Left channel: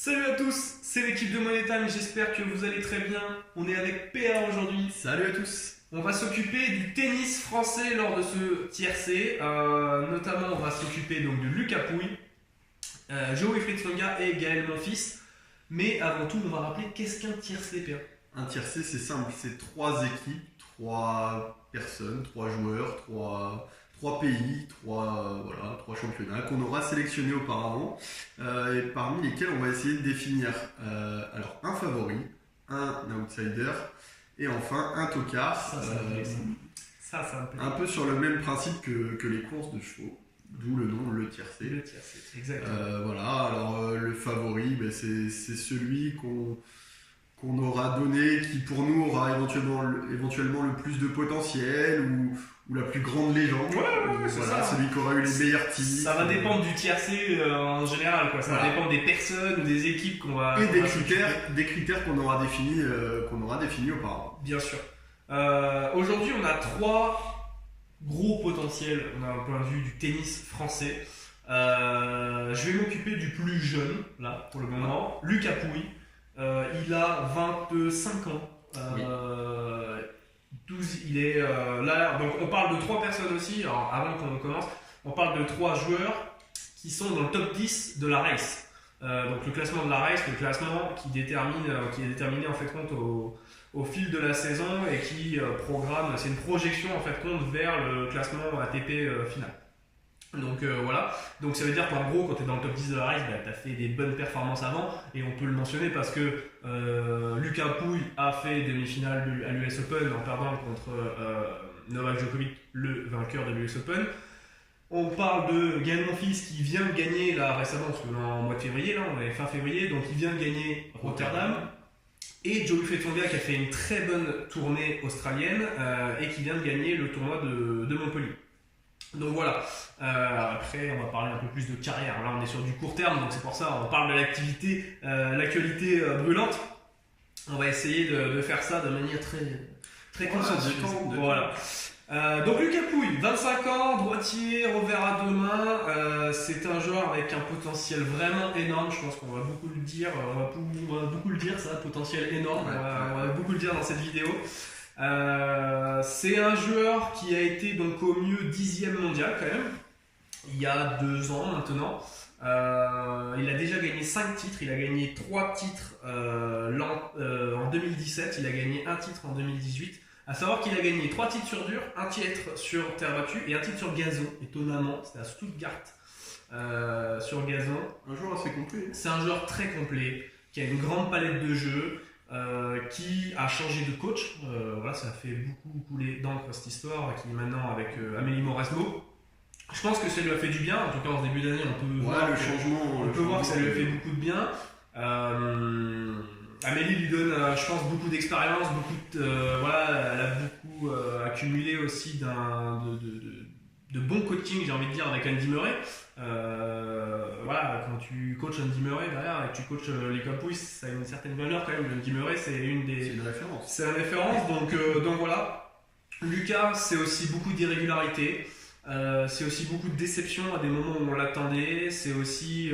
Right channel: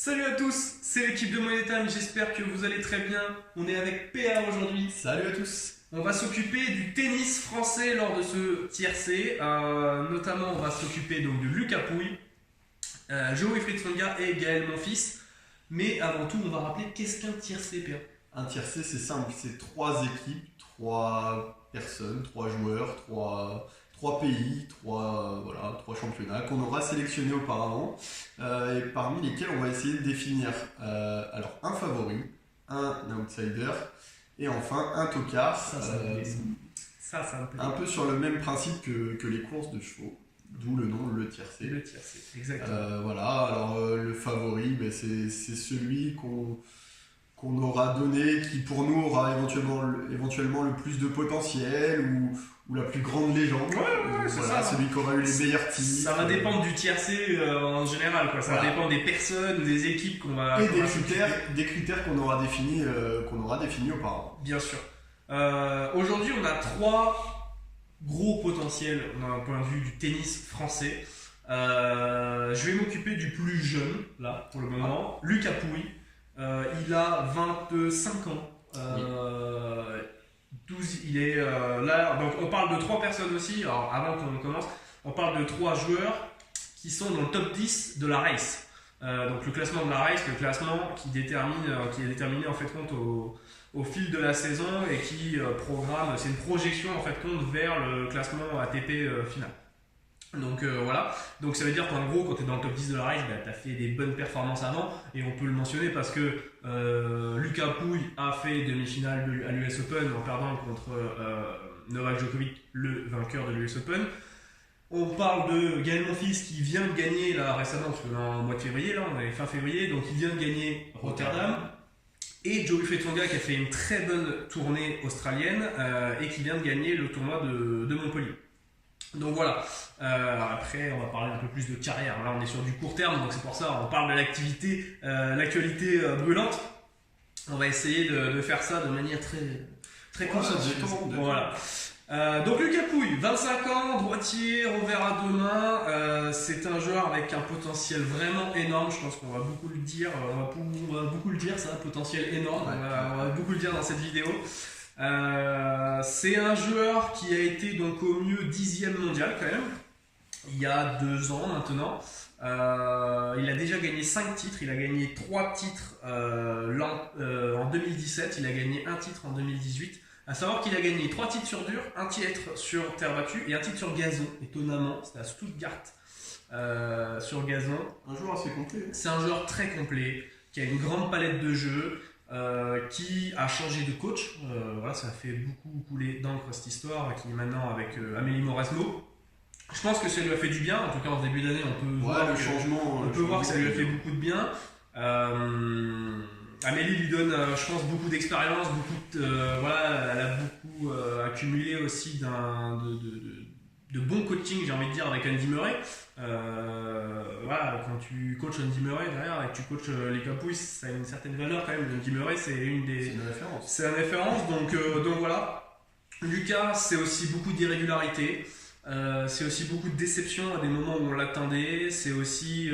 Salut à tous, c'est l'équipe de Money Time, j'espère que vous allez très bien. On est avec PA aujourd'hui. Salut à tous. On va s'occuper du tennis français lors de ce tiercé. Notamment, on va s'occuper donc de Lucas Pouille, Joe-Wilfried Tsonga et Gaël Monfils. Mais avant tout, on va rappeler qu'est-ce qu'un tiercé, PA. Un tiercé, c'est simple, c'est 3 équipes, 3 personnes, 3 joueurs, 3 pays, 3 championnats qu'on aura sélectionnés auparavant et parmi lesquels on va essayer de définir alors un favori, un outsider et enfin un tocard. Ça me plaît. Ça me plaît. Un peu sur le même principe que les courses de chevaux, d'où le nom, le tiercé. Le tiercé, exactement. Alors le favori, c'est celui qu'on aura donné, qui pour nous aura éventuellement le plus de potentiel ou la plus grande légende. C'est ça. Celui qui aura eu les meilleurs titres. Ça va dépendre du tiercé en général, quoi. Ça va dépendre des personnes ou des équipes qu'on va. Et des critères qu'on aura définis auparavant. Bien sûr. Aujourd'hui, on a 3 gros potentiels. On a un point de vue du tennis français. Je vais m'occuper du plus jeune, là, pour le moment. Lucas Pouille. Il a 25 ans. 12, il est là. Donc, on parle de 3 personnes aussi. Alors, avant qu'on commence, on parle de 3 joueurs qui sont dans le top 10 de la race. Donc, le classement de la race, le classement qui est déterminé en fait compte au fil de la saison et qui programme. C'est une projection en fait compte vers le classement ATP final. Donc voilà, donc ça veut dire qu'en gros quand tu es dans le top 10 de la race, tu as fait des bonnes performances avant et on peut le mentionner parce que Lucas Pouille a fait demi-finale à l'US Open en perdant contre Novak Djokovic, le vainqueur de l'US Open. On parle de Gaël Monfils qui vient de gagner là récemment, parce qu'on est en mois de février, là on est fin février, donc il vient de gagner Rotterdam. Et Joe-Wilfried Tsonga qui a fait une très bonne tournée australienne et qui vient de gagner le tournoi de Montpellier. Donc voilà, après on va parler un peu plus de carrière, là on est sur du court terme donc c'est pour ça on parle de l'actualité brûlante. On va essayer de faire ça de manière très concentrée. Voilà. Donc Lucas Pouille, 25 ans, droitier, revers à 2 mains, c'est un joueur avec un potentiel vraiment énorme, je pense qu'on va beaucoup le dire, on va beaucoup le dire ça, potentiel énorme, on va beaucoup le dire dans cette vidéo. C'est un joueur qui a été donc au mieux 10e mondial quand même, il y a 2 ans maintenant. Il a déjà gagné 5 titres, il a gagné 3 titres en 2017, il a gagné 1 titre en 2018. À savoir qu'il a gagné 3 titres sur dur, 1 titre sur terre battue et 1 titre sur gazon, étonnamment, c'était à Stuttgart sur gazon. Un joueur assez complet. C'est un joueur très complet, qui a une grande palette de jeux. Qui a changé de coach, voilà, ça a fait beaucoup couler d'encre cette histoire, qui est maintenant avec Amélie Mauresmo. Je pense que ça lui a fait du bien, en tout cas en ce début d'année on peut voir que ça lui a fait beaucoup de bien. Amélie lui donne, je pense, beaucoup d'expérience, voilà, elle a beaucoup accumulé aussi de bon coaching, j'ai envie de dire, avec Andy Murray. Voilà, quand tu coaches Andy Murray derrière et que tu coaches Lucas Pouille, ça a une certaine valeur quand même. Andy Murray, c'est une référence. C'est une référence, donc voilà. Lucas, c'est aussi beaucoup d'irrégularité. C'est aussi beaucoup de déception à des moments où on l'attendait. C'est aussi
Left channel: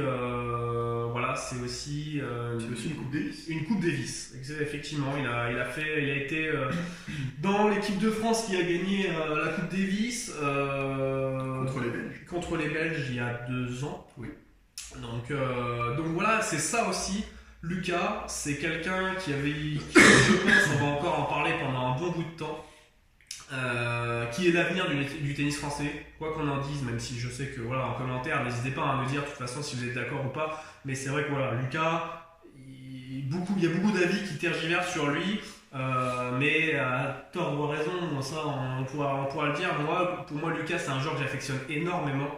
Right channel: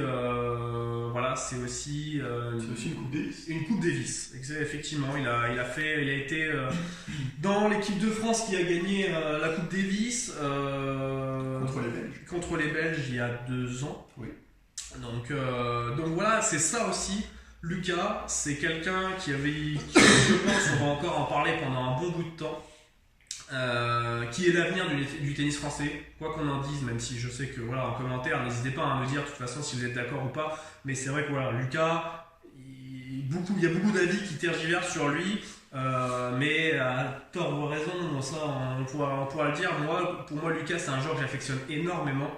c'est aussi une Coupe Davis. Une Coupe Davis, effectivement. Il a été dans l'équipe de France qui a gagné la Coupe Davis contre les Belges il y a 2 ans. Oui. Donc voilà, c'est ça aussi. Lucas, c'est quelqu'un qui je pense, on va encore en parler pendant un bon bout de temps. Qui est l'avenir du tennis français, quoi qu'on en dise, même si je sais que voilà, en commentaire n'hésitez pas à me dire de toute façon si vous êtes d'accord ou pas, mais c'est vrai que voilà, Lucas, il y a beaucoup d'avis qui tergiversent sur lui, mais à tort ou à raison, ça on pourra le dire. Pour moi Lucas, c'est un joueur que j'affectionne énormément,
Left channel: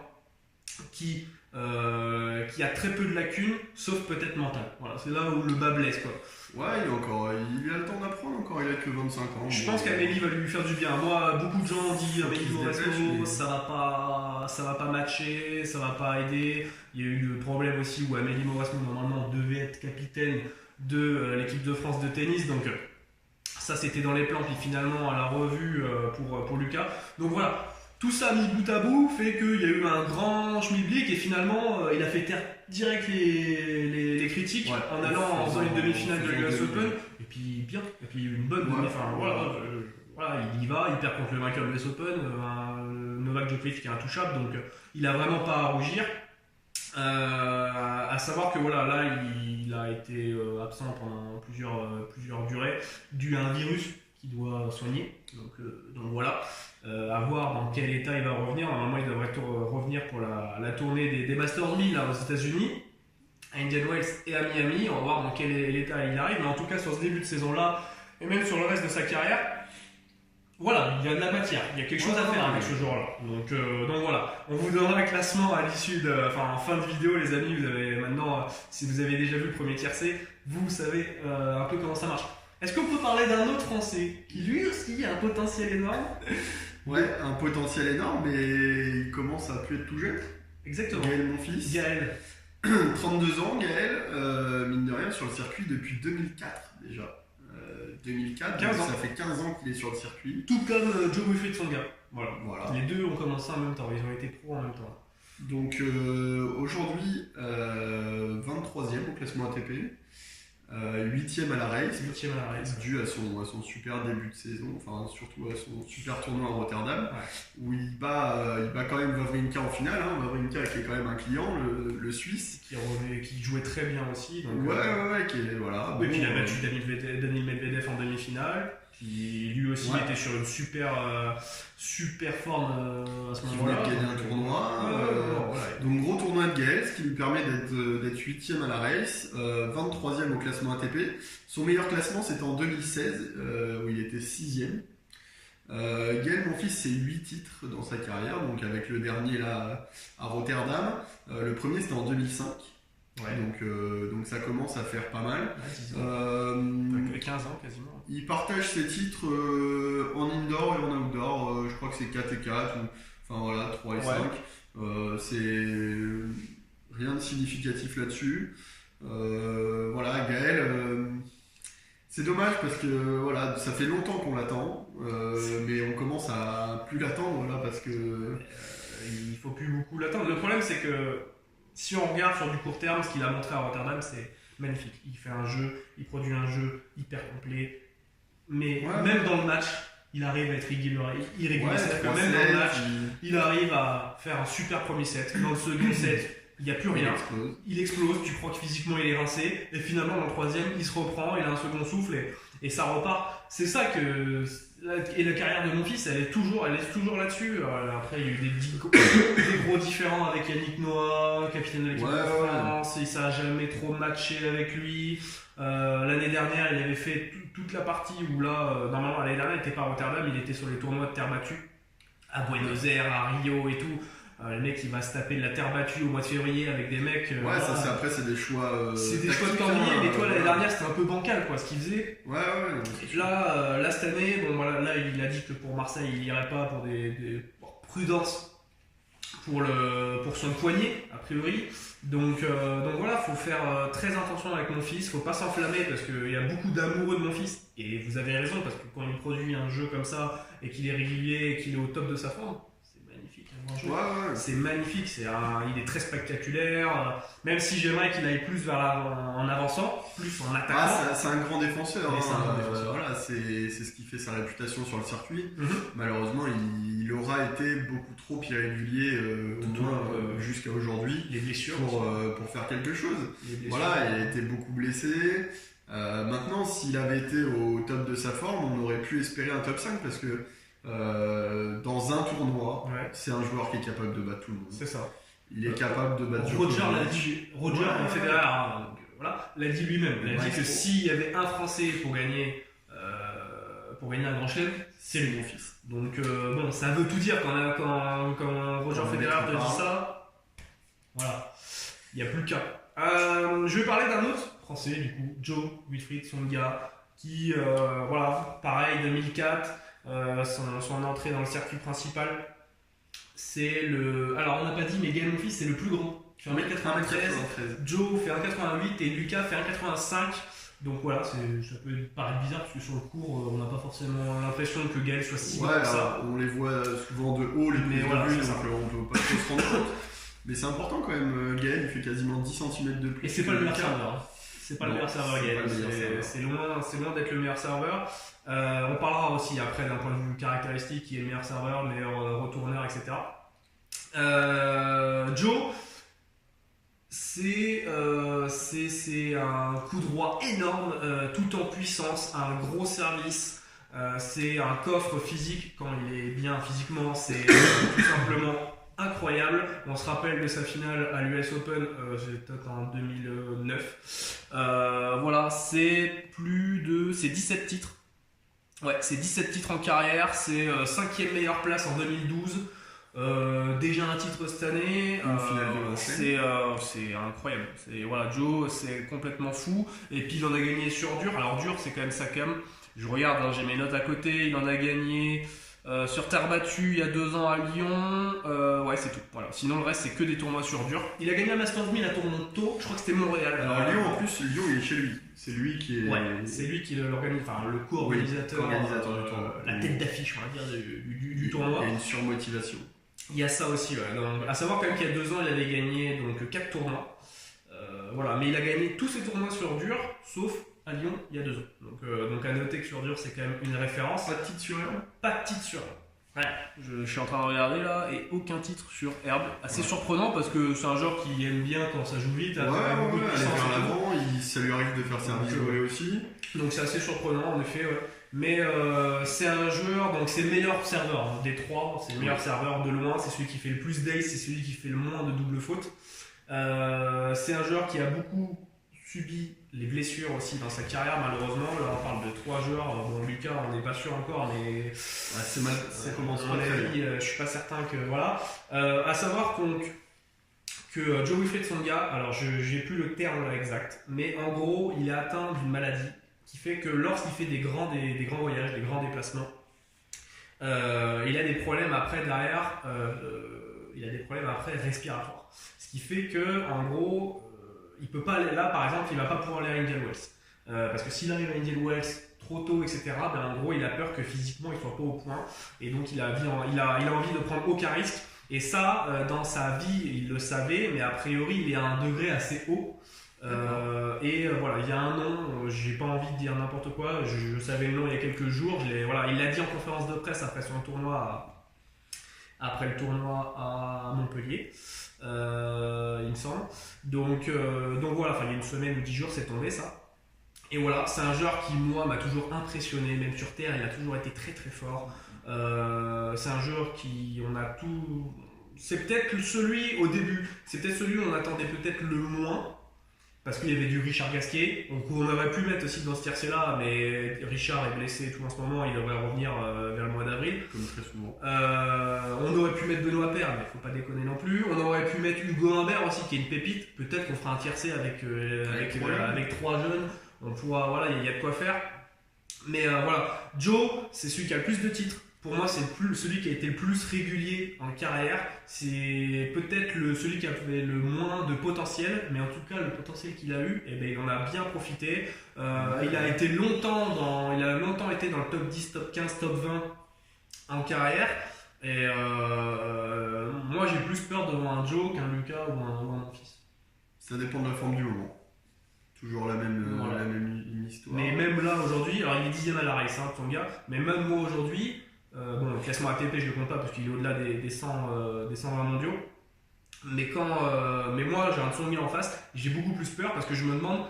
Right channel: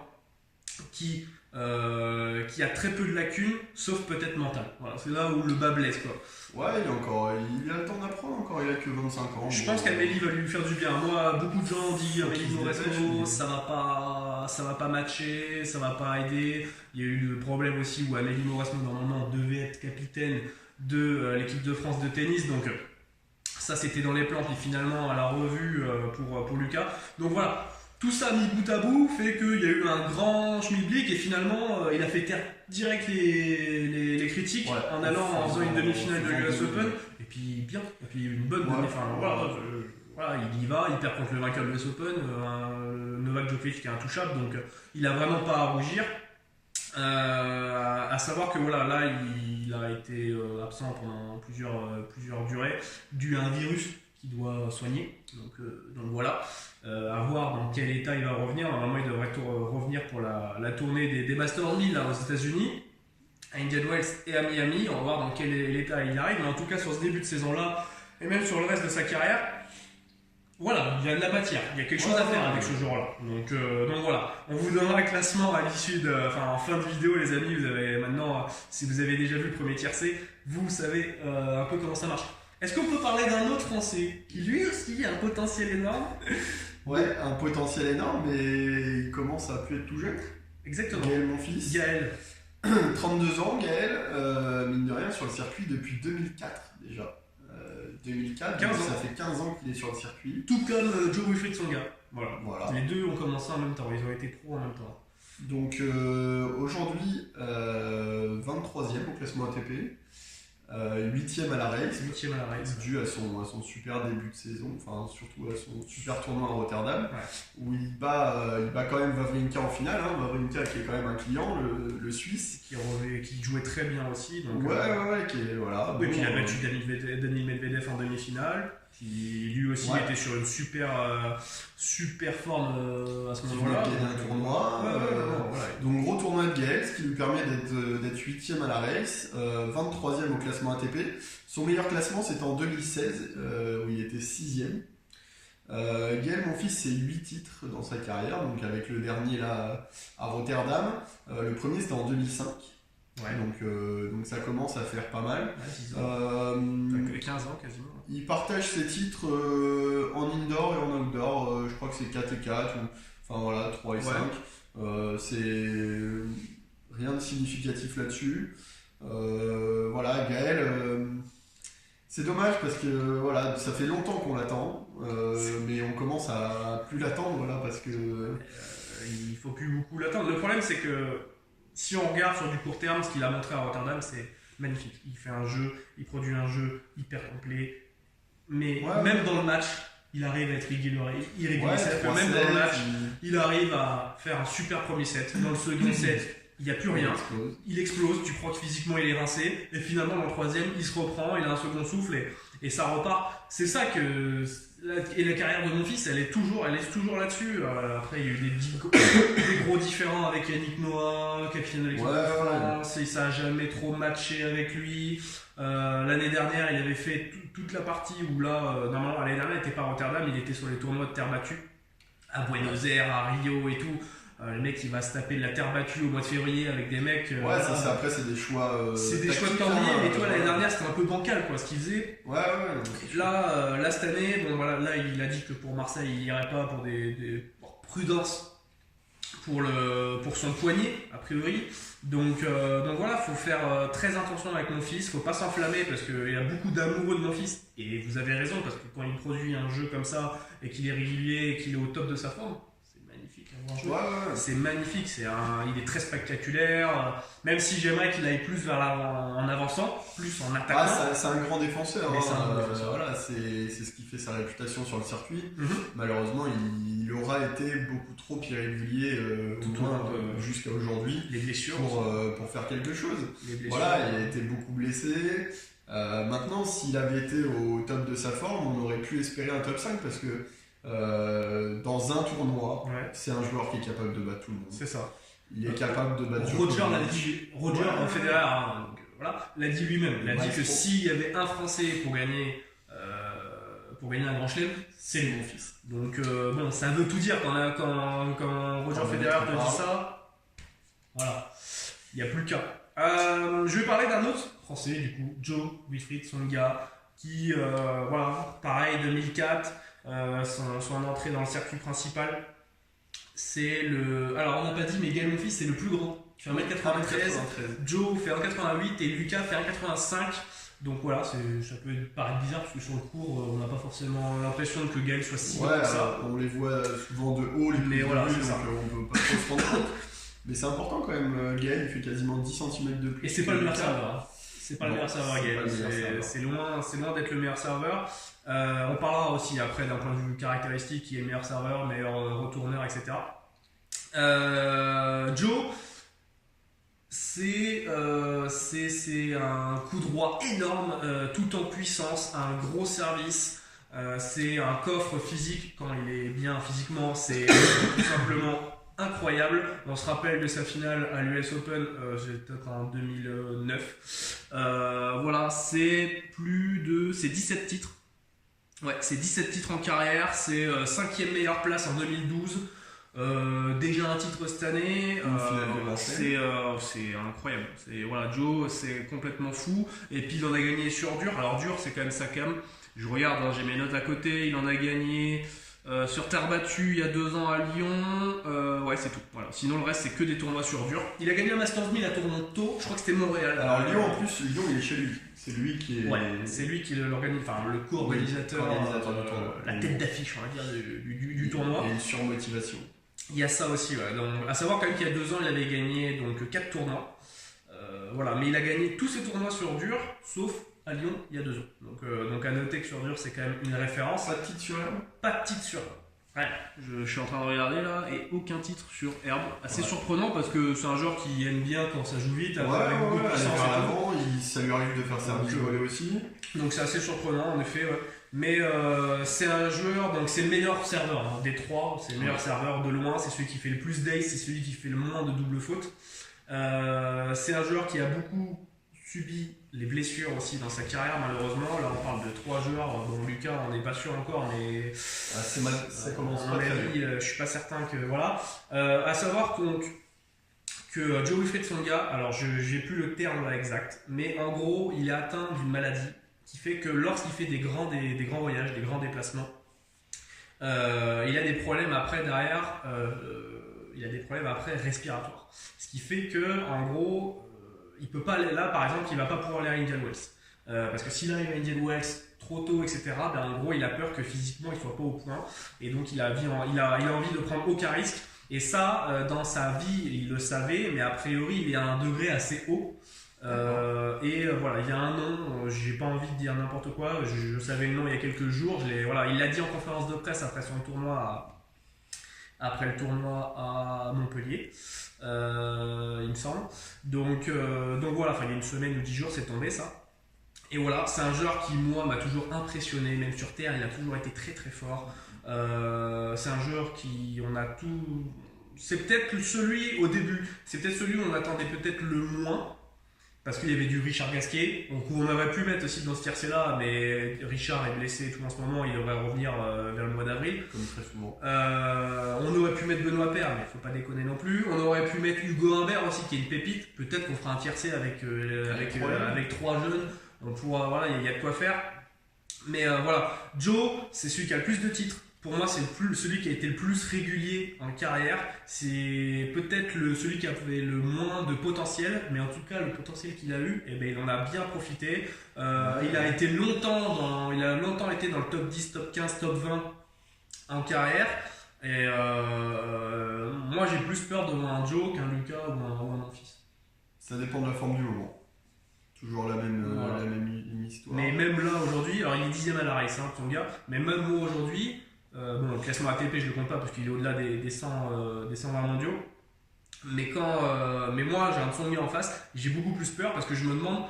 qui a très peu de lacunes, sauf peut-être mental. Voilà, c'est là où le bas blesse, quoi. Ouais, il a le temps d'apprendre encore, il a que 25 ans. Je pense qu'Amélie va lui faire du bien. Moi, beaucoup de gens ont dit Amélie Mauresmo, ça va pas matcher, ça va pas aider. Il y a eu le problème aussi où Amélie Mauresmo normalement devait être capitaine de l'équipe de France de tennis, donc ça c'était dans les plans, puis finalement elle a revu pour Lucas. Donc voilà, tout ça mis bout à bout fait qu'il y a eu un grand schmilblick et finalement il a fait taire direct les critiques en allant en faisant une demi-finale de l'US Open et puis une bonne demi. Enfin voilà, il y va, il perd contre le vainqueur de l'US Open, Novak Djokovic qui est intouchable, donc il a vraiment pas à rougir. À savoir que voilà, là il a été absent pendant plusieurs durées dû à un virus qu'il doit soigner. Donc voilà, à voir dans quel état il va revenir. Normalement, il devrait revenir pour la tournée des Masters 1000 là, aux États-Unis, à Indian Wells et à Miami. On va voir dans quel état il arrive. Mais en tout cas, sur ce début de saison là, et même sur le reste de sa carrière, voilà, il y a de la matière, il y a quelque chose à faire avec ce joueur-là. Donc voilà, on vous donnera un classement à l'issue en fin de vidéo, les amis. Vous avez maintenant, si vous avez déjà vu le premier tiercé, vous savez un peu comment ça marche. Est-ce qu'on peut parler d'un autre Français qui lui aussi a un potentiel énorme? Ouais, un potentiel énorme, mais il commence à plus être tout jeune. Exactement. Gaël Monfils. Gaël. 32 ans, Gaël, mine de rien, sur le circuit depuis 2004 déjà. 2004, 15 ans. Ça fait 15 ans qu'il est sur le circuit. Tout comme Joe Wilfried Tsonga. Voilà. Voilà. Les deux ont commencé en même temps, ils ont été pros en même temps. Donc aujourd'hui, 23e au classement ATP, 8e à la race. 8e à la race. Dû à son super début de saison, enfin surtout à son super tournoi à Rotterdam, où il bat quand même Wawrinka en finale. Wawrinka qui est quand même un client, le Suisse. Qui jouait très bien aussi. Donc, qui est, voilà. Oui, puis il a battu Daniil Medvedev en demi-finale, qui lui aussi était sur une super forme à ce moment-là. Il a gagné un tournoi. Donc gros tournoi de Gaël, ce qui lui permet d'être 8e à la race, 23e au classement ATP. Son meilleur classement c'était en 2016, où il était 6e. Gaël Monfils, c'est 8 titres dans sa carrière, donc avec le dernier là à Rotterdam. Le premier c'était en 2005. Donc ça commence à faire pas mal. 15 ans quasiment. Il partage ses titres en indoor et en outdoor. Je crois que c'est 4 et 4, enfin voilà, 3 et 5. C'est rien de significatif là-dessus. Voilà, Gaël, c'est dommage parce que voilà, ça fait longtemps qu'on l'attend, mais on commence à plus l'attendre parce que il faut plus beaucoup l'attendre. Le problème c'est que si on regarde sur du court terme, ce qu'il a montré à Rotterdam, c'est magnifique. Il fait un jeu, il produit un jeu hyper complet, mais même dans le match, il arrive à être irrégulier. C'est-à-dire que même dans le match, il arrive à faire un super premier set. Dans le second set, il n'y a plus rien. Il explose, tu crois que physiquement il est rincé, et finalement dans le troisième, il se reprend, il a un second souffle et ça repart. C'est ça que. Et la carrière de Monfils, elle est toujours là-dessus. Après, il y a eu des gros différends avec Yannick Noah, capitaine de l'équipe de France, et ça n'a jamais trop matché avec lui. L'année dernière, il avait fait toute la partie où là, normalement, l'année dernière, il n'était pas à Rotterdam, il était sur les tournois de terre battue, à Buenos Aires, à Rio et tout. Le mec il va se taper de la terre battue au mois de février avec des mecs. Après c'est des choix. C'est des choix de calendrier, mais toi l'année dernière c'était un peu bancal ce qu'il faisait. Là cette année, là il a dit que pour Marseille il irait pas pour des prudence pour son poignet a priori. Donc voilà, faut faire très attention avec mon fils, faut pas s'enflammer parce qu'il y a beaucoup d'amoureux de mon fils et vous avez raison parce que quand il produit un jeu comme ça et qu'il est régulier et qu'il est au top de sa forme. C'est magnifique, il est très spectaculaire, même si j'aimerais qu'il aille plus en avançant, plus en attaquant. C'est un grand défenseur, c'est ce qui fait sa réputation sur le circuit. Malheureusement, il aura été beaucoup trop irrégulier jusqu'à aujourd'hui. Les blessures pour faire quelque chose. Il a été beaucoup blessé. Maintenant, s'il avait été au top de sa forme, on aurait pu espérer un top 5 parce que dans un tournoi, c'est un joueur qui est capable de battre tout le monde. C'est ça. Il est capable de battre Roger Federer l'a dit lui-même. Il a dit que s'il y avait un Français pour gagner un grand chelem, c'est lui, mon fils. Donc ça veut tout dire quand Roger Federer te dit ça. Voilà, il n'y a plus le cas. Je vais parler d'un autre Français du coup, Joe Wilfried Tsonga, qui pareil 2004. Son entrée dans le circuit principal, c'est alors on n'a pas dit, mais Gaël Monfils c'est le plus grand, il fait 1m93, Joe fait 1m88 et Lucas fait 1m85. Donc voilà, ça peut paraître bizarre parce que sur le court, on n'a pas forcément l'impression que Gaël soit si bon que ça. On les voit souvent de haut, les prises voilà, de vue, donc on peut pas trop se rendre compte. Mais c'est important quand même, Gaël il fait quasiment 10 cm de plus. Et c'est pas le meilleur serveur. Hein. C'est pas le meilleur serveur, Gaël. C'est loin d'être le meilleur serveur. On parlera aussi après d'un point de vue caractéristique qui est le meilleur serveur, meilleur retourneur, etc. Joe, c'est un coup droit énorme, tout en puissance, un gros service. C'est un coffre physique quand il est bien physiquement, c'est tout simplement incroyable. On se rappelle de sa finale à l'US Open, c'était en 2009. Voilà, c'est 17 titres. Ouais, c'est 17 titres en carrière, c'est 5e meilleure place en 2012. Déjà un titre cette année, c'est incroyable. Voilà, Joe, c'est complètement fou. Et puis il en a gagné sur dur. Alors dur, c'est quand même sa cam. Je regarde, hein, j'ai mes notes à côté. Il en a gagné sur terre battue il y a 2 ans à Lyon. Ouais, c'est tout. Voilà. Sinon, le reste, c'est que des tournois sur dur. Il a gagné un Masters 1000 à Toronto. Je crois que c'était Montréal. Alors Lyon, en plus, Lyon, il est chez lui. C'est lui qui est. Ouais, c'est lui qui l'organise, enfin le co-organisateur, du tournoi. la tête d'affiche, on va dire, du tournoi. Et une surmotivation. Il y a ça aussi, ouais. Donc, à savoir quand même qu'il y a 2 ans, il avait gagné donc 4 tournois. Voilà, mais il a gagné tous ses tournois sur dur, sauf à Lyon il y a 2 ans. Donc à noter que sur dur, c'est quand même une référence. Pas de titre sur herbe. Pas de titre sur herbe. Ouais, je suis en train de regarder là, et aucun titre sur herbe. Assez surprenant parce que c'est un joueur qui aime bien quand ça joue vite, avec beaucoup de puissance. Aller vers l'avant, ça lui arrive de faire service volé aussi. Donc c'est assez surprenant en effet, ouais. Mais c'est un joueur, donc c'est le meilleur serveur hein, des 3, c'est le meilleur serveur de loin, c'est celui qui fait le plus d'ace, c'est celui qui fait le moins de double faute. C'est un joueur qui a beaucoup subi les blessures aussi dans sa carrière malheureusement. Là on parle de 3 joueurs, bon Lucas on n'est pas sûr encore mais c'est mal, ça commence à mon avis, je suis pas certain que voilà. À savoir que Joe Wilfried Tsonga, alors j'ai plus le terme là exact, mais en gros il est atteint d'une maladie qui fait que lorsqu'il fait des grands voyages, des grands déplacements, il a des problèmes après derrière, il a des problèmes après respiratoires. Ce qui fait que en gros, il peut pas aller là, par exemple, il va pas pouvoir aller à Indian Wells. Parce que s'il arrive à Indian Wells trop tôt, etc., ben en gros, il a peur que physiquement il soit pas au point, et donc il a envie de prendre aucun risque. Et ça, dans sa vie, il le savait, mais a priori, il est à un degré assez haut. Voilà, il y a un nom, j'ai pas envie de dire n'importe quoi, je savais le nom il y a quelques jours, voilà, il l'a dit en conférence de presse après le tournoi à Montpellier, il me semble. Donc voilà, il y a une semaine ou 10 jours, c'est tombé ça. Et voilà, c'est un joueur qui, moi, m'a toujours impressionné, même sur terre, il a toujours été très très fort. C'est un joueur qui, on a tout. C'est peut-être celui où on attendait peut-être le moins. Parce qu'il y avait du Richard Gasquet, on aurait pu mettre aussi dans ce tiercé-là, mais Richard est blessé et tout en ce moment, il devrait revenir vers le mois d'avril. Comme très souvent. On aurait pu mettre Benoît Paire, mais il ne faut pas déconner non plus. On aurait pu mettre Hugo Humbert aussi, qui est une pépite. Peut-être qu'on fera un tiercé avec 3 jeunes. On pourra, voilà, il y a de quoi faire. Mais voilà, Joe, c'est celui qui a le plus de titres. Pour moi, c'est celui qui a été le plus régulier en carrière. C'est peut-être celui qui avait le moins de potentiel, mais en tout cas, le potentiel qu'il a eu, il en a bien profité. Il a longtemps été dans le top 10, top 15, top 20 en carrière. Et moi, j'ai plus peur devant un Joe qu'un Lucas ou un Monfils. Ça dépend de la forme du moment. Toujours la même histoire. Mais même là, aujourd'hui, alors il est 10ème à la race, ton gars, mais même moi aujourd'hui, le classement ATP je le compte pas parce qu'il est au-delà des 120 mondiaux, mais moi j'ai un Tsonga en face, j'ai beaucoup plus peur parce que je me demande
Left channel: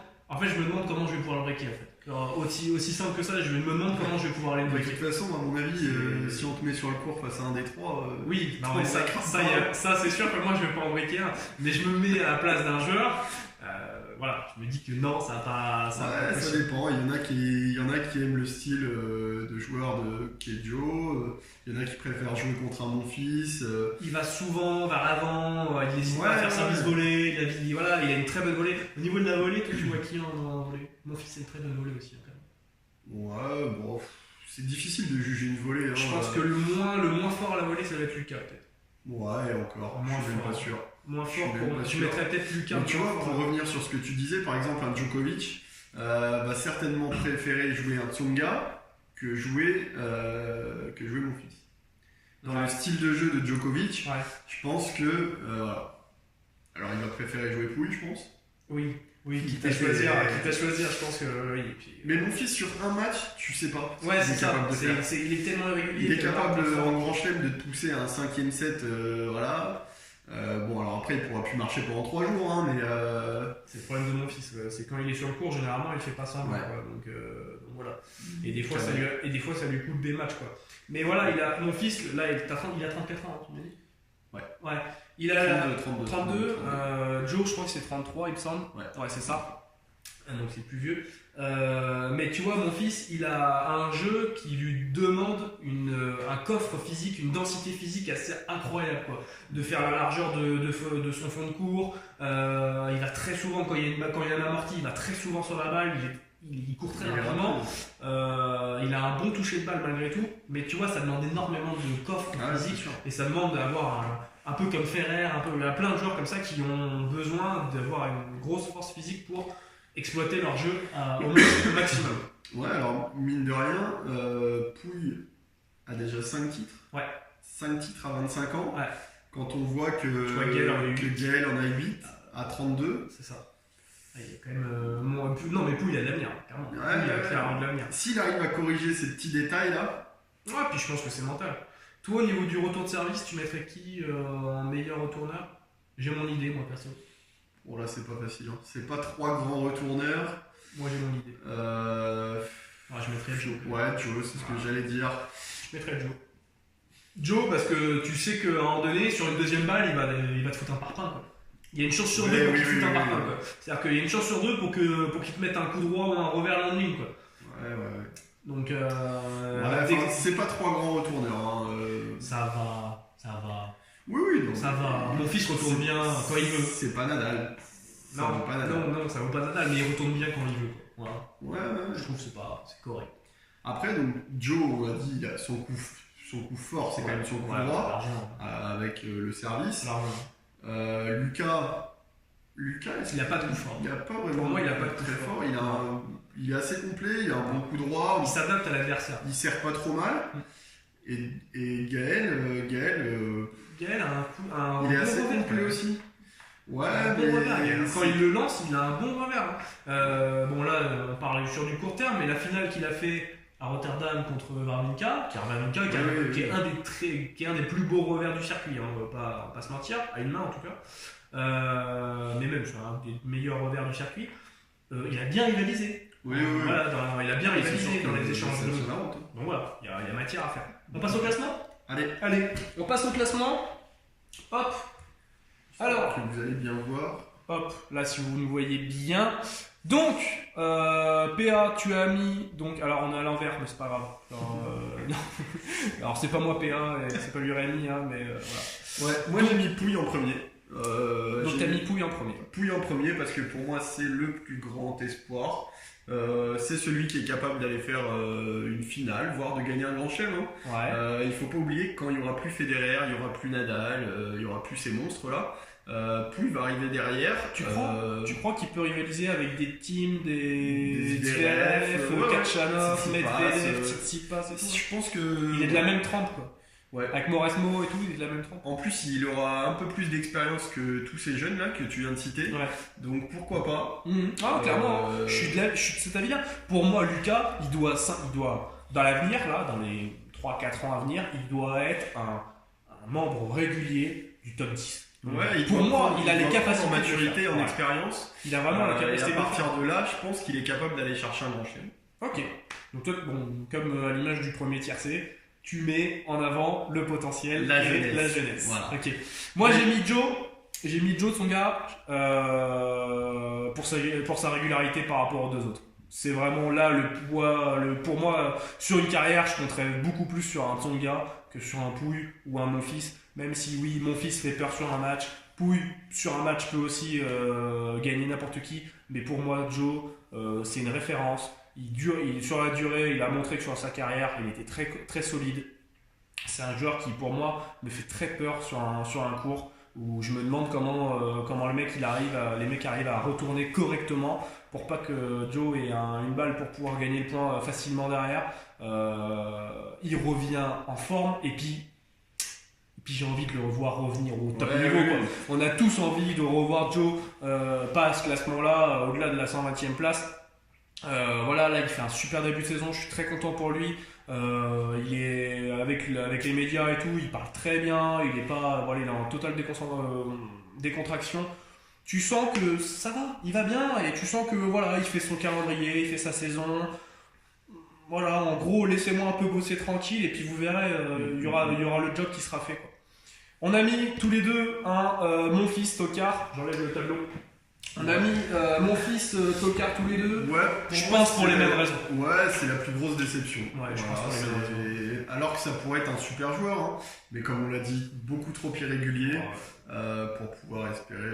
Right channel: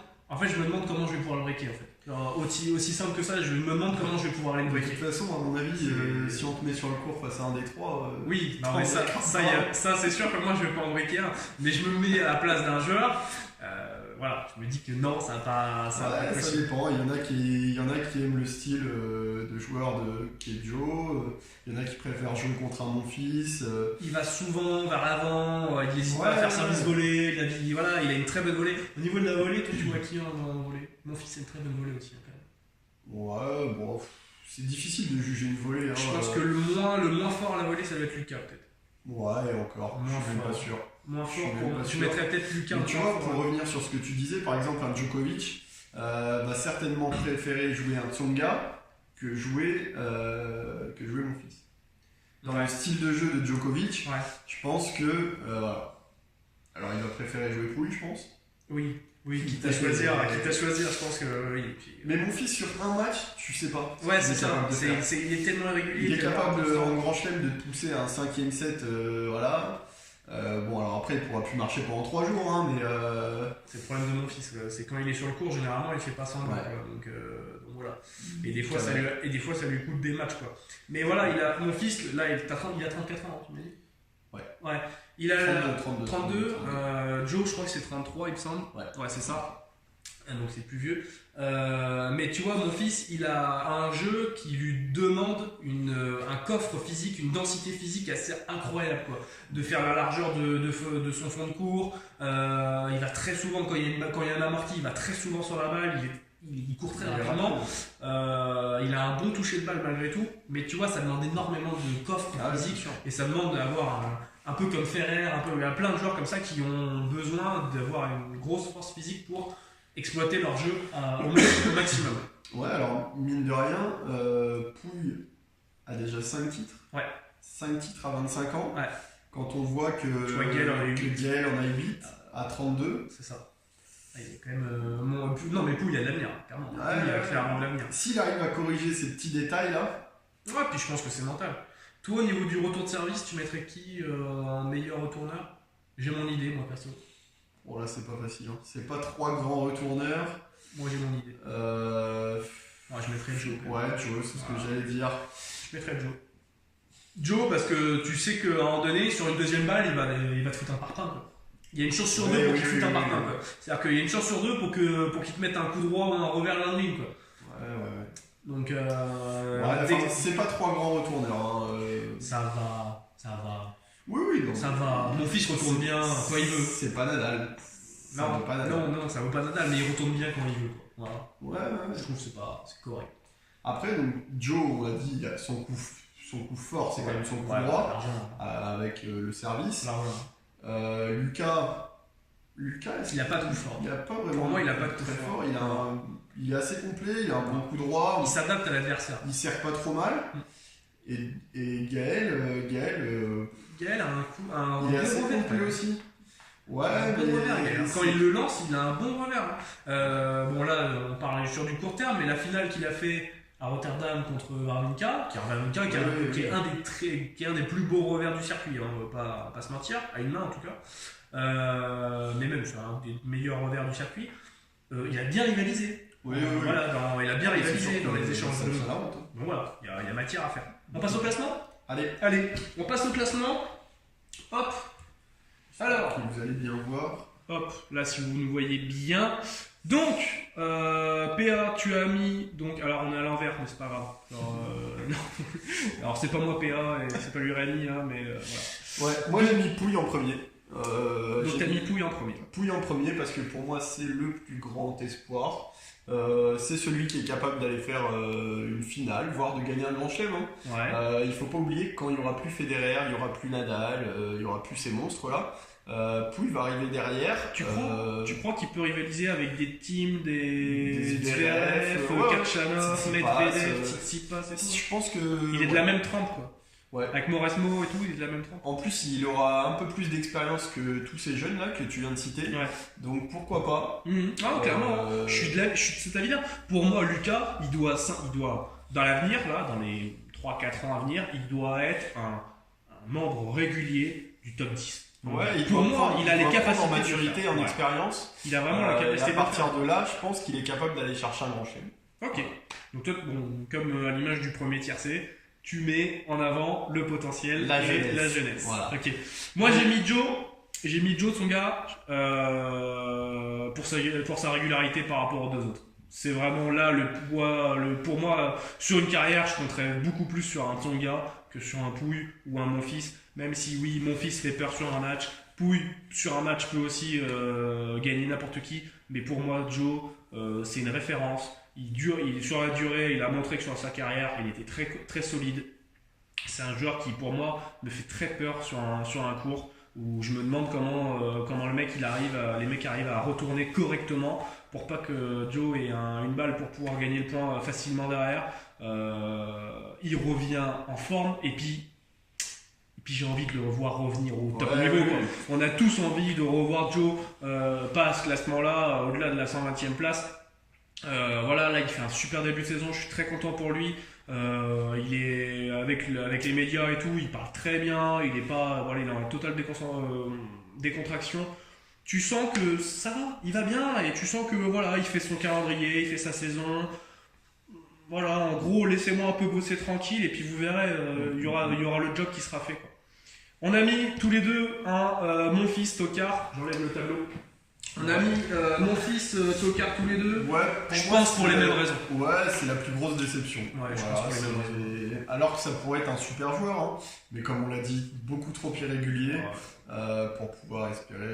comment je vais pouvoir le breaker en fait. Alors, aussi simple que ça, je me demande comment je vais pouvoir aller le breaker. De toute façon, à mon avis, si on te met sur le court face à un des 3, oui, non, mais ça c'est sûr que moi je vais pas en breaker un, mais je me mets à la place d'un joueur. Voilà, je me dis que non, ça va pas. Ça dépend. Il y en a qui aiment le style de joueur qui est Joe. Il y en a qui préfèrent jouer contre un Monfils. Il va souvent vers l'avant. Il n'hésite pas à faire service volé. Il a une très bonne volée. Au niveau de la volée, toi, tu vois qui en volée? Monfils, c'est une très bonne volée aussi, quand même. Ouais, bon, c'est difficile de juger une volée. Je pense que le moins fort à la volée, ça va être Lucas, peut-être. Ouais, encore. Je suis même pas sûr. Moins fort, tu mettrais peut-être Lucas. Tu vois, pour revenir sur ce que tu disais, par exemple, un Djokovic, va certainement préférer jouer un Tsonga que jouer mon fils. Dans le style de jeu de Djokovic, je pense que voilà. Alors il va préférer jouer Pouille, je pense. Oui, quitte à choisir, je pense que oui. Puis, mais mon fils sur un match, tu sais pas. Ouais, c'est ça. Il est tellement irrégulier. Il est capable en grand chelem de te pousser à un 5e set, voilà. Bon, alors après, il pourra plus marcher pendant 3 jours, hein, mais. C'est le problème de mon fils. C'est quand il est sur le court, généralement, il fait pas semblant. Ouais. Donc voilà. Et des fois, ça lui coûte des matchs, quoi. Mais voilà, mon fils, là, il a 34 ans, tu m'as dit. Ouais. Il a 32. Joe, je crois que c'est 33, il me semble. Ouais, c'est ça. Donc c'est plus vieux. Mais tu vois, mon fils, il a un jeu qui lui demande un coffre physique, une densité physique assez incroyable, quoi. De faire la largeur de son fond de cours. Il va très souvent, quand il y a une amorti, il va très souvent sur la balle. Il court très rapidement. Il a un bon toucher de balle malgré tout. Mais tu vois, ça demande énormément de coffre physique. Et ça demande d'avoir un peu comme Ferrer, il y a plein de joueurs comme ça qui ont besoin d'avoir une grosse force physique pour exploiter leur jeu au maximum. Ouais, alors mine de rien, Pouille a déjà 5 titres. 5 titres à 25 ans. Quand on voit que Gaël en a 8 à 32. C'est ça. Il y a quand même. Non, mais Pouille, il y a de l'avenir, clairement. Il a clairement de l'avenir. S'il arrive à corriger ces petits détails là. Ouais, puis je pense que c'est mental. Toi, au niveau du retour de service, tu mettrais qui en meilleur retourneur? J'ai mon idée, moi, perso. Bon, là, c'est pas facile. Hein. C'est pas 3 grands retourneurs. Moi, j'ai mon idée. Je mettrais Joe. Ouais, Joe, c'est ce que j'allais dire. Je mettrais Joe. Joe, parce que tu sais qu'à un moment donné, sur une deuxième balle, il va te foutre un parpaing, quoi. Il y a une chance sur 2 pour qu'il te foute un parpaing, quoi. C'est-à-dire qu'il y a une chance sur 2 pour qu'il te mette un coup droit ou un revers landing, quoi. Ouais. Donc, c'est pas 3 grands retourneurs. Hein, Ça va. Oui. Donc, ça va. Mon fils retourne bien quand il veut. C'est pas Nadal. Non, ça vaut pas Nadal, mais il retourne bien quand il veut, quoi. Voilà. Ouais. Je trouve que c'est correct. Après, donc, Joe, on a dit, son coup fort, c'est quand même son coup droit, avec le service. Lucas, il n'a pas de coup fort. Il a pas vraiment. Pour moi, il n'a pas de coup très fort. Il est assez complet, il a un bon coup droit. Il s'adapte à l'adversaire. Il sert pas trop mal. Et Gaël a un il est bon assez revers complet aussi. Ouais, mais revers, quand il le lance, il a un bon revers. Bon, là, on parle sur du court terme, mais la finale qu'il a fait à Rotterdam contre Wawrinka, qui est un des plus beaux revers du circuit, hein, on va pas se mentir, à une main en tout cas. Mais même c'est un des meilleurs revers du circuit. Il a bien rivalisé. Voilà, il a bien rivalisé dans les échanges de mots. Donc voilà, il y a matière à faire. On passe au classement ? Allez, on passe au classement. Hop. Alors, que vous allez bien voir. Hop, là si vous nous voyez bien. Donc, PA, tu as mis. Donc, alors on est à l'envers, mais c'est pas grave. Alors c'est pas moi PA et c'est pas lui Rémi, hein, mais voilà. Ouais, moi j'ai mis Pouille en premier. Donc t'as mis Pouille en premier. Pouille en premier parce que pour moi c'est le plus grand espoir. C'est celui qui est capable d'aller faire une finale, voire de gagner un grand chelem. Hein. Il faut pas oublier que quand il y aura plus Federer, il y aura plus Nadal, il y aura plus ces monstres là. Pouille va arriver derrière. Tu crois qu'il peut rivaliser avec des teams, des Zverev, Khachanov, Medvedev, Tsitsipas et tout? Je pense que il est de la même trempe, quoi. Ouais. Avec Mauresmo et tout, il est de la même trempe. En plus, il aura un peu plus d'expérience que tous ces jeunes là que tu viens de citer. Donc pourquoi pas. Clairement, je suis de cet avis-là. Pour moi, Lucas, il doit dans l'avenir, là, dans les 3-4 ans à venir, il doit être un membre régulier du top 10. Pour moi, il a les capacités en maturité, en expérience. Il a vraiment la capacité. Et à partir de là, je pense qu'il est capable d'aller chercher un grand chelem. Ok. Donc toi, comme à l'image du premier tiercé, tu mets en avant le potentiel, la jeunesse. Voilà. Ok. Moi, j'ai mis Joe Tsonga pour sa régularité par rapport aux deux autres. C'est vraiment là le poids. Pour moi, sur une carrière, je compterais beaucoup plus sur un Tsonga que sur un Pouille ou un Monfils. Même si oui, Monfils fait peur sur un match, Pouille sur un match peut aussi gagner n'importe qui. Mais pour moi, Joe, c'est une référence. Sur la durée, il a montré que sur sa carrière, il était très, très solide. C'est un joueur qui, pour moi, me fait très peur sur un court. où je me demande comment les mecs arrivent à retourner correctement pour pas que Joe ait une balle pour pouvoir gagner le point facilement derrière. Il revient en forme et puis j'ai envie de le revoir revenir au top niveau. Quoi. On a tous envie de revoir Joe pas à ce classement-là, au-delà de la 120e place. Voilà, là il fait un super début de saison, je suis très content pour lui. Il est avec les médias et tout, il parle très bien, il est en totale décontraction. Tu sens que ça va, il va bien et tu sens que voilà, il fait son calendrier, il fait sa saison. Voilà, en gros, laissez-moi un peu bosser tranquille et puis vous verrez, il y aura le job qui sera fait. Quoi. On a mis tous les deux mon fils Tokar, j'enlève le tableau. On a mis mon fils Tokar tous les deux. Ouais, je pense pour les mêmes raisons. Ouais, c'est la plus grosse déception. Ouais, je pense pour les mêmes raisons. Alors que ça pourrait être un super joueur, hein, mais comme on l'a dit, beaucoup trop irrégulier pour pouvoir espérer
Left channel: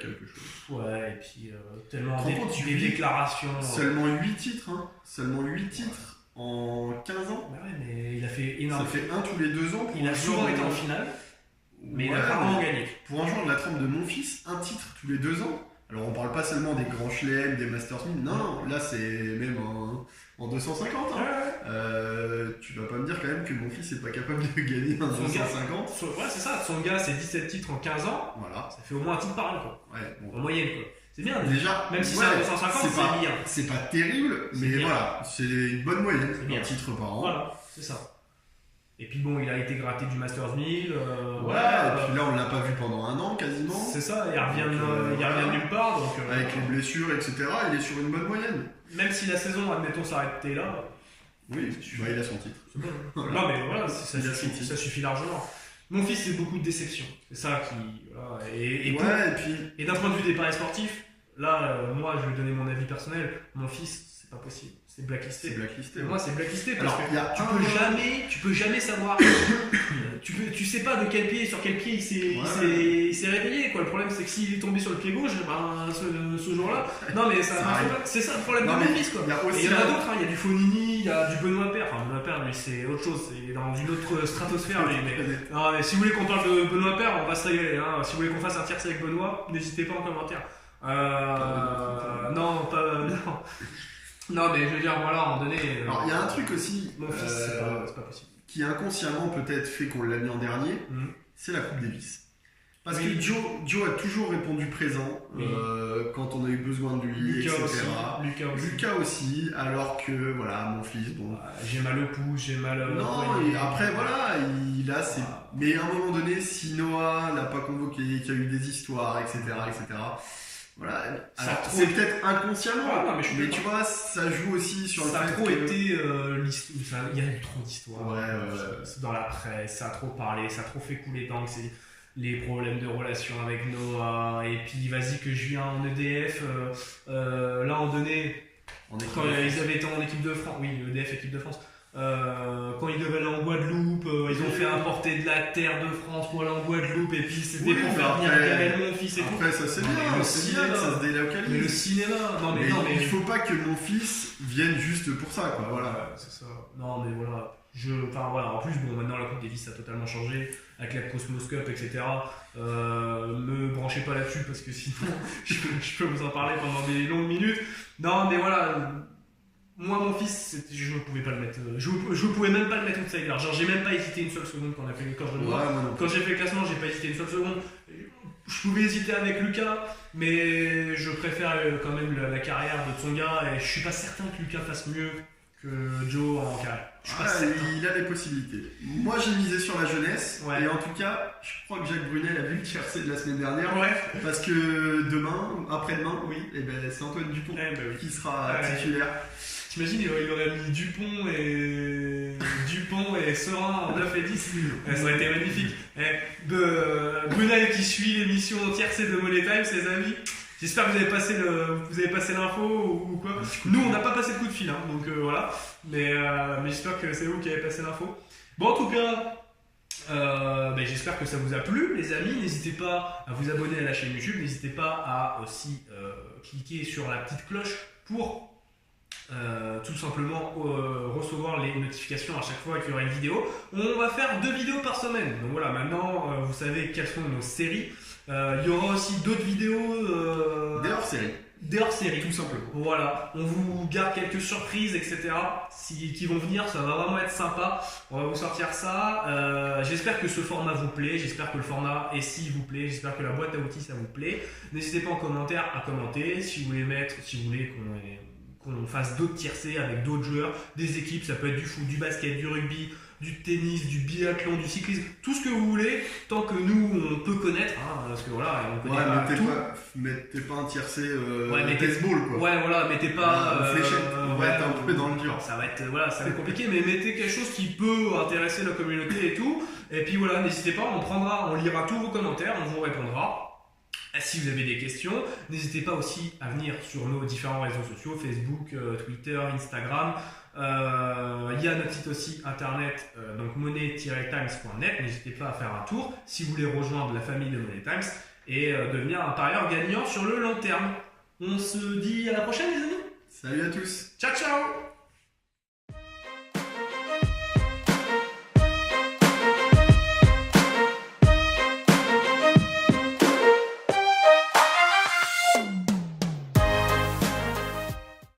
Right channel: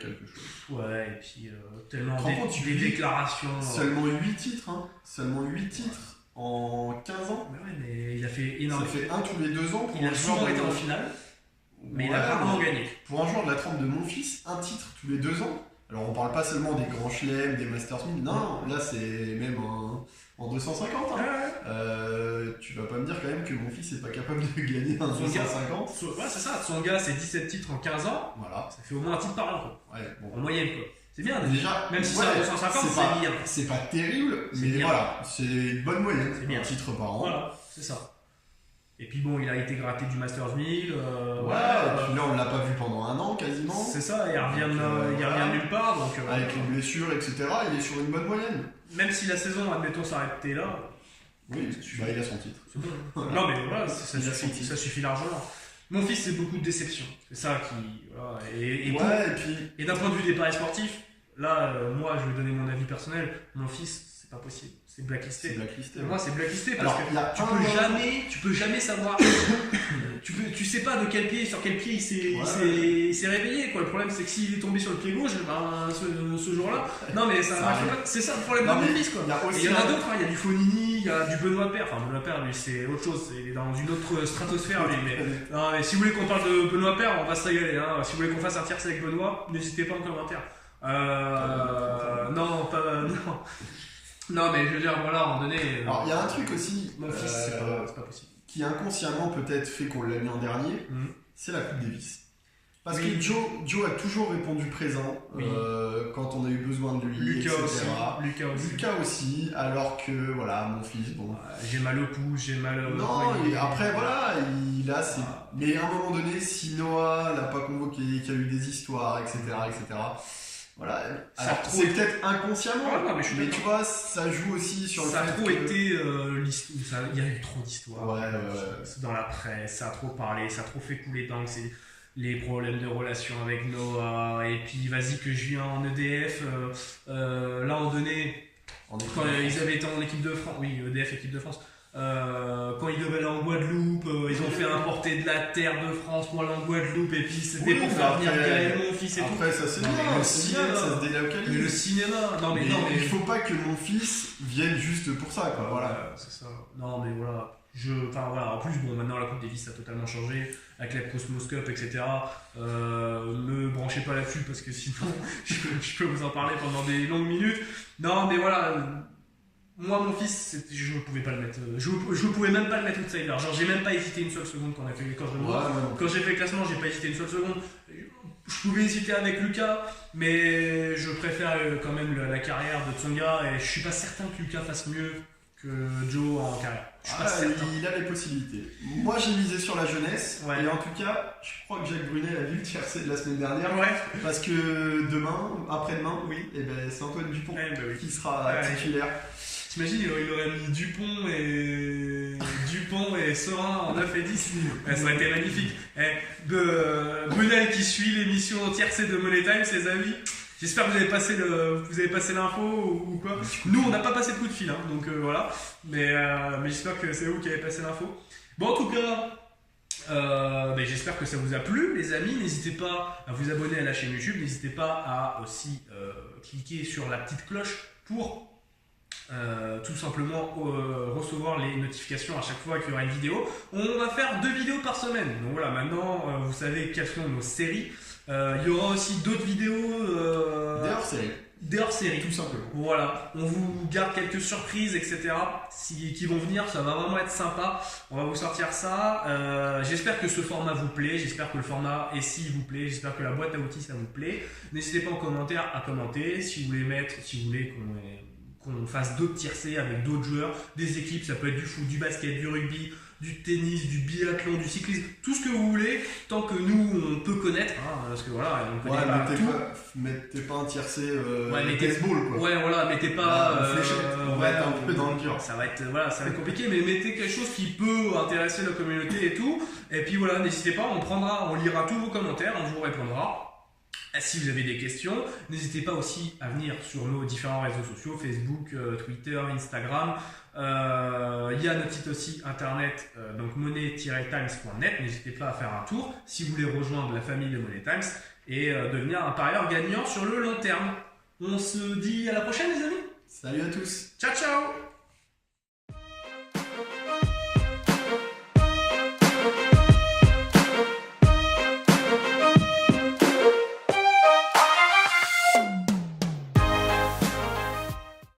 quelque chose. Ouais, et puis tellement des déclarations. Seulement 8 titres, hein. Seulement 8 titres en 15 ans. Mais ouais, mais il a fait énormément. Ça fait un tous les 2 ans. Il a souvent été en finale, mais il a rarement gagné. Pour un joueur de la trempe de mon fils, un titre tous les 2 ans. Alors on parle pas seulement des grands chelems, des Masters 1000, non, là c'est même en 250. Hein. Tu vas pas me dire quand même que mon fils est pas capable de gagner un 250. Ouais, c'est ça, son gars c'est 17 titres en 15 ans, voilà. Ça fait au moins un titre par an, quoi. Ouais, bon. En moyenne, quoi. C'est bien, déjà. Même si c'est un 250, c'est bien. C'est pas terrible, mais bien. Voilà, c'est une bonne moyenne, un titre par an. Voilà, c'est ça. Et puis bon, il a été gratté du Masters 1000. Et puis là, on l'a pas vu pendant un an quasiment. C'est ça, il revient de nulle part. Donc, avec les blessures, etc., il est sur une bonne moyenne. Même si la saison, admettons, s'arrêtait là. Oui, il a son titre. C'est bon. Non, mais voilà, ça suffit largement. Mon fils, c'est beaucoup de déception. C'est ça qui. Voilà. Et d'un point de vue des paris sportifs, là, moi, je vais donner mon avis personnel. Mon fils, c'est pas possible. C'est blacklisté. Moi, c'est blacklisté parce que tu peux jamais savoir. tu sais pas de quel pied, sur quel pied il s'est réveillé. Quoi. Le problème, c'est que s'il est tombé sur le pied gauche, ce jour-là. Non, mais c'est ça le problème de mon fils. Quoi. Il y en a d'autres. Il y a du Fonini, il y a du Benoît Paire. Enfin, Benoît Paire, lui, c'est autre chose. Il est dans une autre stratosphère. Mais si vous voulez qu'on parle de Benoît Paire, on va se régaler. Hein. Si vous voulez qu'on fasse un tiercé avec Benoît, n'hésitez pas en commentaire. Non. Non, mais je veux dire, voilà, à un moment donné. Alors, il y a un truc aussi. Mon fils, c'est pas possible. Qui inconsciemment peut-être fait qu'on l'a mis en dernier, c'est la Coupe Davis. Parce que Joe a toujours répondu présent quand on a eu besoin de lui, Lucas etc. Lucas aussi, alors que, voilà, mon fils, bon. J'ai mal au pouce, j'ai mal au. Non, et après, voilà, il a ses. Mais à un moment donné, si Noah l'a pas convoqué, qu'il y a eu des histoires, etc., voilà, alors c'est peut-être inconsciemment, mais tu vois, ça joue aussi sur le fait que... Ça a trop été il y a eu trop d'histoires. Ouais. Dans la presse, ça a trop parlé, ça a trop fait couler d'encre, c'est les problèmes de relation avec Noah, et puis vas-y que je viens en EDF, là en donné, quand ils avaient été en équipe de France, oui, EDF équipe de France, quand ils devaient aller en Guadeloupe, ils ont fait importer de la terre de France pour aller en Guadeloupe et puis c'était pour faire venir Gaël, mon fils et tout. Après ça c'est bien, le cinéma, ça se délocalise. Mais le cinéma, mais il faut pas que mon fils vienne juste pour ça, quoi. Voilà. C'est ça. Non mais voilà. En plus bon, maintenant la Coupe Davis a totalement changé avec la Cosmos Cup, etc. Me branchez pas là-dessus parce que sinon je peux vous en parler pendant des longues minutes. Non mais voilà. Moi, mon fils, je ne pouvais pas le mettre. Je pouvais même pas le mettre outsider. Genre, j'ai même pas hésité une seule seconde quand j'ai fait le classement, j'ai pas hésité une seule seconde. Je pouvais hésiter avec Lucas, mais je préfère quand même la carrière de Tsonga et je suis pas certain que Lucas fasse mieux que Joe en carrière. Je suis pas certain. Il a les possibilités. Moi, j'ai misé sur la jeunesse et en tout cas, je crois que Jacques Brunel a vu le tiercé de la semaine dernière parce que après-demain, c'est Antoine Dupont qui sera titulaire. T'imagines, il aurait mis Dupont et Serein en 9 et 10. Ça aurait été magnifique. Brunel qui suit l'émission tiercé de Money Time, ses amis. J'espère que vous avez passé l'info ou quoi. Nous, on n'a pas passé de coup de fil, hein, donc voilà. Mais j'espère que c'est vous qui avez passé l'info. Bon, en tout cas, j'espère que ça vous a plu, les amis. N'hésitez pas à vous abonner à la chaîne YouTube. N'hésitez pas à aussi cliquer sur la petite cloche pour tout simplement recevoir les notifications à chaque fois qu'il y aura une vidéo. On va faire 2 vidéos par semaine. Donc voilà, maintenant vous savez quelles sont nos séries. Il y aura aussi d'autres vidéos. Des hors-série. Tout simplement. Voilà, on vous garde quelques surprises, etc. Qui vont venir, ça va vraiment être sympa. On va vous sortir ça. J'espère que ce format vous plaît. J'espère que le format SI vous plaît. J'espère que la boîte à outils ça vous plaît. N'hésitez pas en commentaire à commenter. Si vous voulez qu'on fasse d'autres tiercés avec d'autres joueurs, des équipes, ça peut être du foot, du basket, du rugby, du tennis, du biathlon, du cyclisme, tout ce que vous voulez, tant que nous on peut connaître, parce que voilà, on connaît pas tout. Mettez pas un tiercé mettez, baseball quoi. Ouais, voilà, mettez pas. Fléchette, on va être un peu dans le dur. Ça va être compliqué, mais mettez quelque chose qui peut intéresser la communauté et tout. Et puis voilà, n'hésitez pas, on lira tous vos commentaires, on vous répondra. Si vous avez des questions, n'hésitez pas aussi à venir sur nos différents réseaux sociaux, Facebook, Twitter, Instagram. Il y a notre site aussi internet, donc money-times.net. N'hésitez pas à faire un tour si vous voulez rejoindre la famille de Money Times et devenir un parieur gagnant sur le long terme. On se dit à la prochaine les amis. Salut à tous. Ciao ciao.